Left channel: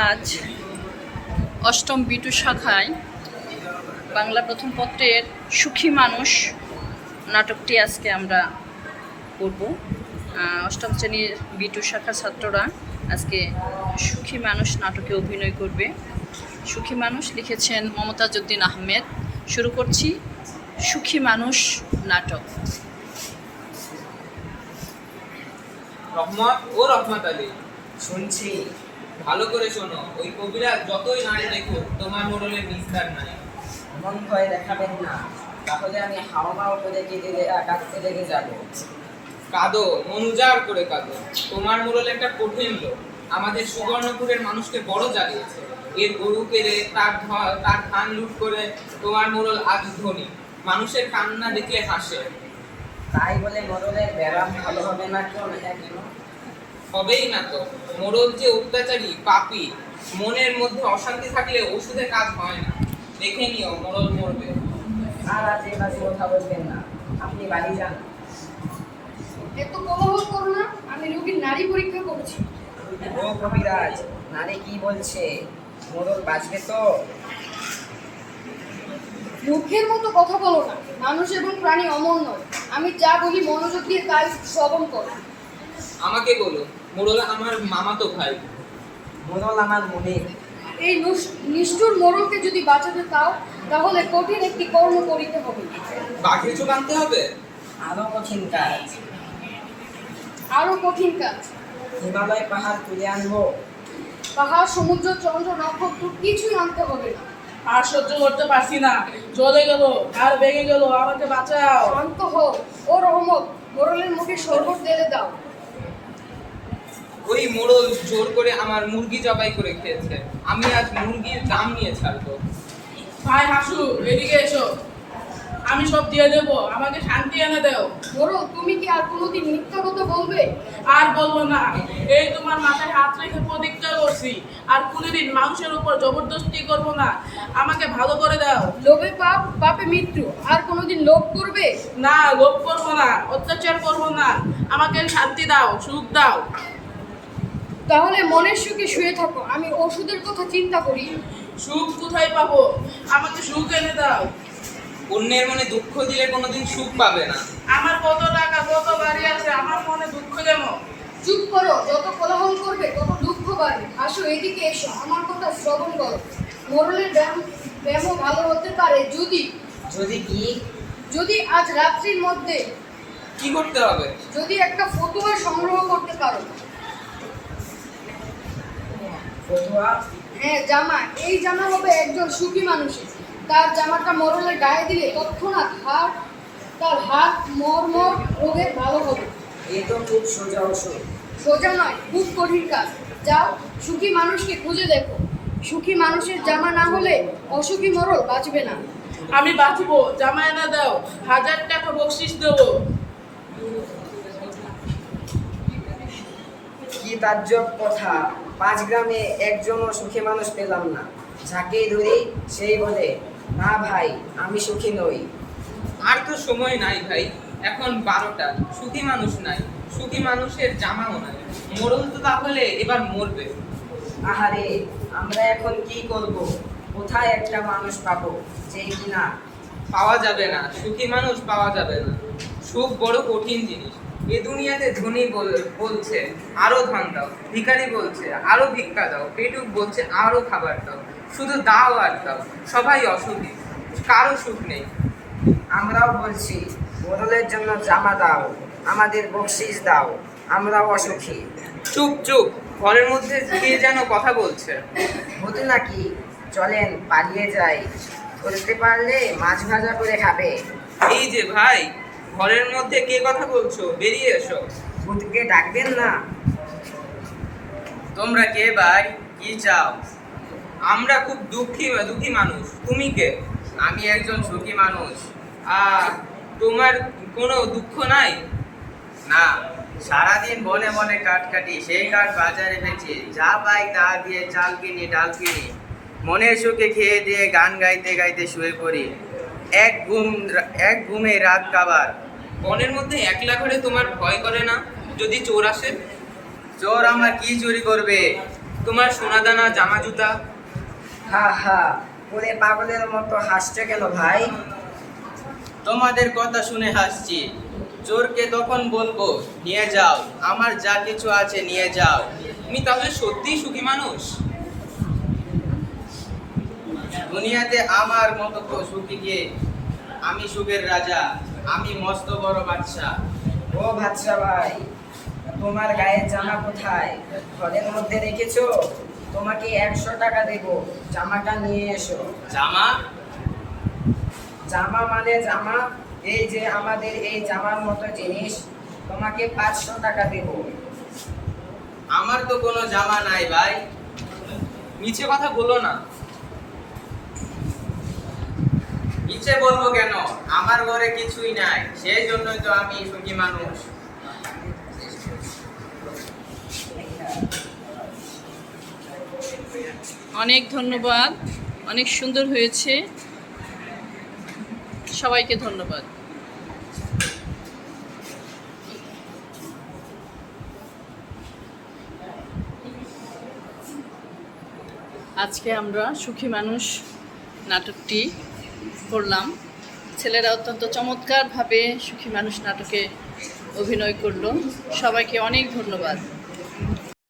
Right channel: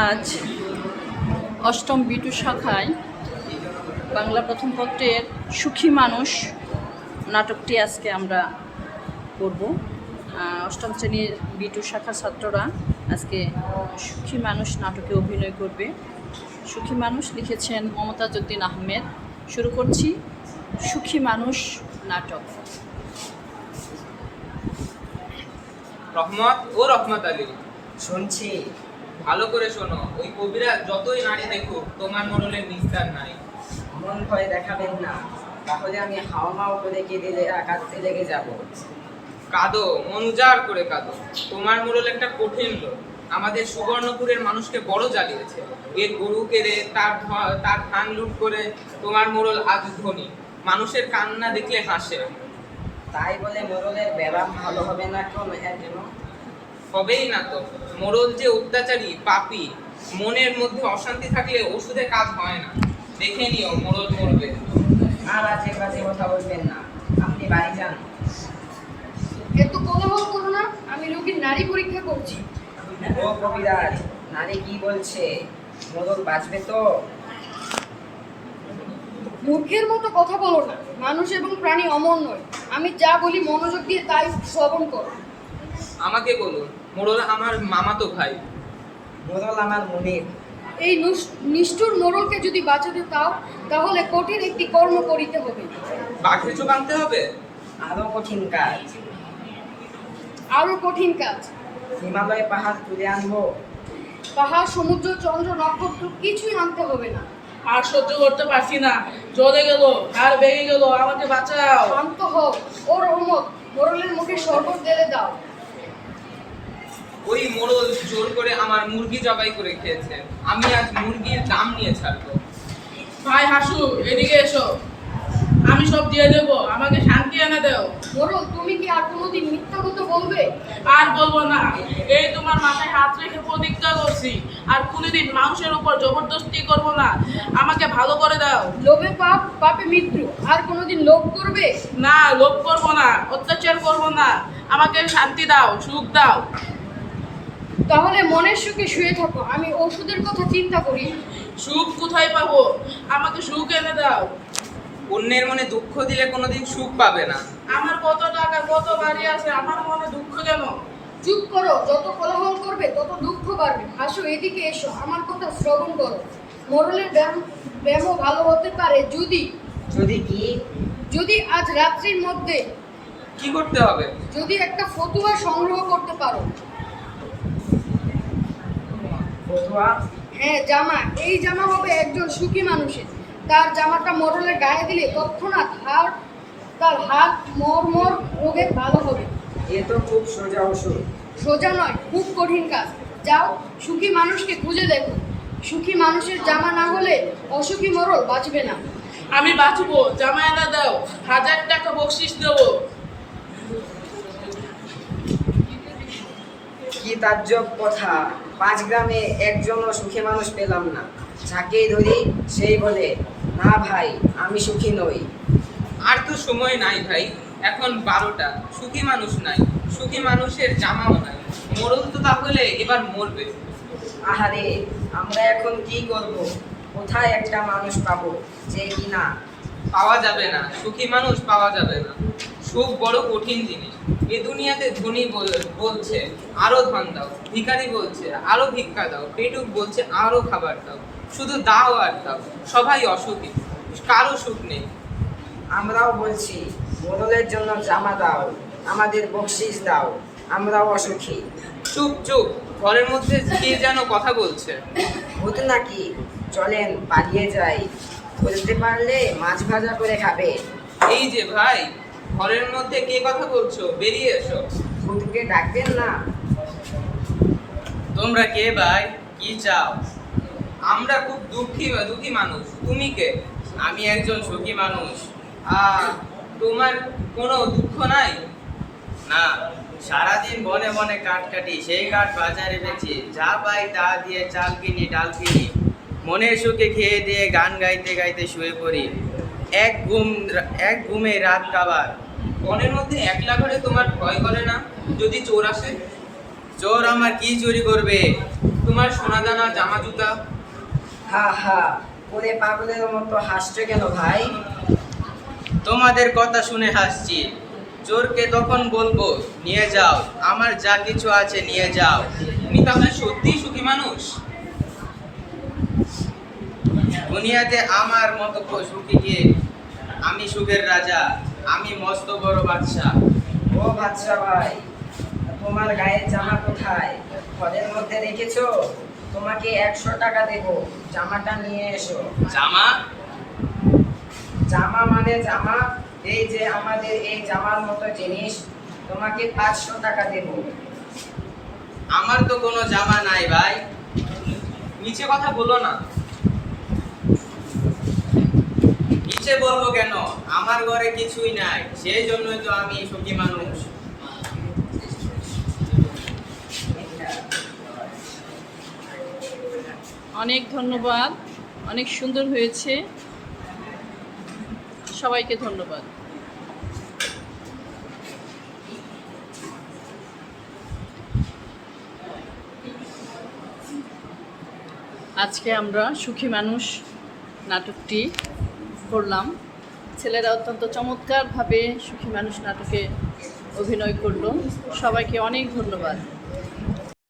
আজ অষ্টম বিটু শাখায় বাংলা প্রথম পত্রের সুখী মানুষ নাটকটি আজকে আমরা করব। অষ্টম শ্রেণীর বিটু শাখা ছাত্ররা আজকে সুখী মানুষ নাটকে অভিনয় করবে। সুখী মানুষ লিখেছেন মমতাজ উদ্দিন আহমেদ। শুরু করছি সুখী মানুষ নাটক। রহমত ও রহমত আলী, শুনছি। ভালো করে শোনো। ওই কবিরা যতই নারী দেখুক, তোমার মোড়লের নিস্তার নাই। এমন ভয় দেখাবেন না, তাহলে আমি হাওমাও করে কাঁদতে লেগে যাব। কাঁদো, মন উজাড় করে কাঁদো। তোমার মোড়ল একটা কঠিন লোক, আমাদের সুবর্ণপুরের মানুষকে বড় জ্বালিয়েছে। এর গরু কেড়ে তার ধান লুট করে তোমার মোড়ল আজ ধনী, মানুষের কান্না দেখলে হাসে। তাই বলে মোড়লের ব্যারাম ভালো হবে না কেন? হবেই না তো। মোড়ল যে অত্যাচারী, পাপী, মনের মধ্যে অশান্তি থাকলে ওষুধে কাজ হয় না। দেখে নিও, মোড়ল মরবে। আর আজে বাজে কথা বলবেন না, আপনি বাড়ি যান। এত কোলাহল করো না, আমি রোগীর নারী পরীক্ষা করছি। ও কবিরাজ, নারী কি বলছে? মোড়ল বাঁচবে তো? মূর্খের মতো কথা বলো না, মানুষ এবং প্রাণী অমর নয়। আমি যা বলি মনোযোগ দিয়ে তাই শ্রবণ করো। আমাকে বলুন, মোড়ল আমার মামাতো ভাই। মোড়ল আমার মনের। এই নিষ্ঠুর মোড়লকে যদি বাঁচাতে চাও, তাহলে কঠিন একটি কর্ম করিতে হবে। বাঘের চোখ আনতে হবে? আরো কঠিন কাজ। আরো কঠিন কাজ। হিমালয় পাহাড় তুলে আনবো। পাহাড়, সমুদ্র, চন্দ্র, নক্ষত্র কিছুই আনতে হবে না। আর সহ্য করতে পারছি না, জ্বরে গেল, আর ভেঙে গেল, আমাকে বাঁচাও। শান্ত হও ও রহমত, মোড়লের মুখে শরবত ঢেলে দাও। ওই মোড়ল জোর করে আমার মুরগি জবাই করে খেয়েছে। আমি আজ মুরগির দাম নিয়ে ছাড়বো। ভাই হাসু, এদিকে এসো, আমি সব দিয়ে দেবো, আমাকে শান্তি এনে দাও। মোড়ল, তুমি কি আর কোনোদিন মিথ্যা কথা বলবে? আর বলবো না, এই তোমার মাথায় হাত রেখে প্রতিজ্ঞা করছি, আর কোনোদিন মানুষের উপর জবরদস্তি করবো না। আমাকে ভালো করে দাও। লোভে পাপ, পাপে মৃত্যু। আর কোনোদিন লোভ করবে? না, লোভ করবো না, অত্যাচার করবো না। আমাকে শান্তি দাও, সুখ দাও। তাহলে মনের সুখে শুয়ে থাকো, আমি ওষুধের কথা চিন্তা করি। সুখ কোথায় পাবো? আমাকে সুখ এনে দাও। অন্যের মনে দুঃখ দিলে কোনোদিন সুখ পাবে না। আমার কত টাকা, কত বাড়ি আছে, আমার মনে দুঃখ কেন? চুপ করো, যত কোলাহল করবে তত দুঃখ বাড়বে। আসো, এদিকে এসো, আমার কথা শ্রবণ করো। মোড়লের ব্যায়ামও ভালো হতে পারে যদি কি? যদি আজ রাত্রির মধ্যে কি করতে হবে? যদি একটা ফতুয়া সংগ্রহ করতে পারো। ফতুয়া? হ্যাঁ, জামা। এই জামা হবে একজন সুখী মানুষের। তার জামাটা মোড়লের গায়ে দিলে তৎক্ষণাৎ তার হাত মর্মর রোগে ভালো হবে। এ তো খুব সোজা ওষুধ। সোজা নয়, খুব কঠিন কাজ। যাও, সুখী মানুষকে খুঁজে দেখো। সুখী মানুষের জামা না হলে অসুখী মোড়ল বাঁচবে না। আমি বাঁচবো, জামা এনে দাও, 1000 টাকা বকশিস দেবো। কি তাজ্জব কথা! 5 গ্রামে একজনও সুখী মানুষ পেলাম না। যাকেই ধরি সেই বলে, না ভাই, আমি সুখী নই। আর তো সময় নাই ভাই, এখন 12টা। সুখী মানুষ নাই, সুখী মানুষের জামাও নাই। মোড়ল তো তাহলে এবার মরবে। আহারে, আমরা এখন কি করব? কোথায় একটা মানুষ পাবো যে কিনা? পাওয়া যাবে না, সুখী মানুষ পাওয়া যাবে না। সুখ বড় কঠিন জিনিস। এ দুনিয়াতে ধনী বলছে আরো ধান দাও, ভিখারি বলছে আরো ভিক্ষা দাও, পেটুক বলছে আরো খাবার দাও। শুধু দাও আর দাও, সবাই অসুখী, কারো সুখ নেই। আমরাও বলছি, মোড়লের জন্য জামা দাও, আমাদের বকশিস দাও, আমরাও অসুখী। চুপ চুপ, ঘরের মধ্যে কে যেন কথা বলছে। ভূত নাকি? চলেন পালিয়ে যাই, ধরতে পারলে মাছ ভাজা করে খাবে। এই যে ভাই, ঘরের মধ্যে কে কথা বলছো? বেরিয়ে এসো। ভূতকে ডাকবেন না। তোমরা কে ভাই? কি চাও? আমরা খুব দুঃখী মানুষ। তুমি কে? আমি একজন সুখী মানুষ। তোমার কোনো দুঃখ নাই? না, সারাদিন বনে বনে কাঠ কাটি, সেই কাঠ বাজারে বেচি, যা পাই তা দিয়ে চাল কিনি, ডাল কিনি। মনের সুখে খেয়ে দিয়ে গান গাইতে গাইতে শুয়ে পড়ি। এক ঘুমে রাত কাবার। বনের মধ্যে একলা ঘরে তোমার ভয় করে না? যদি চোর আসে? চোর আমার কি চুরি করবে? তোমার সোনাদানা জামা জুতা। হা হা করে পাগলের মতো হাসছো কেন ভাই? তোমাদের কথা শুনে হাসছি। চোরকে তখন বলবো, নিয়ে যাও, আমার যা কিছু আছে নিয়ে যাও। তুমি তাহলে সত্যিই সুখী মানুষ? দুনিয়াতে আমার মতো সুখী কে? আমি সুখের রাজা, আমি মস্ত বড় বাদশা। ও বাদশা ভাই, তোমার গায়ের জামা কোথায়? ঘরের মধ্যে রেখেছো? তোমাকে 100 টাকা দেবো, জামাটা নিয়ে এসো। জামা? জামা মানে জামা, এই যে আমাদের এই জামার মতো জিনিস, তোমাকে 500 টাকা দেবো। আমার তো কোনো জামা নাই ভাই। মিছে কথা বলো না। নিচে বলবো কেন? আমার ঘরে কিছুই নাই, সেই জন্যই তো আমি সুখী মানুষ। অনেক ধন্যবাদ, অনেক সুন্দর হয়েছে, সবাইকে ধন্যবাদ। আজকে আমরা সুখী মানুষ নাটকটি করলাম। ছেলেরা অত্যন্ত চমৎকারভাবে সুখী মানুষ নাটকে অভিনয় করলো। সবাইকে অনেক ধন্যবাদ।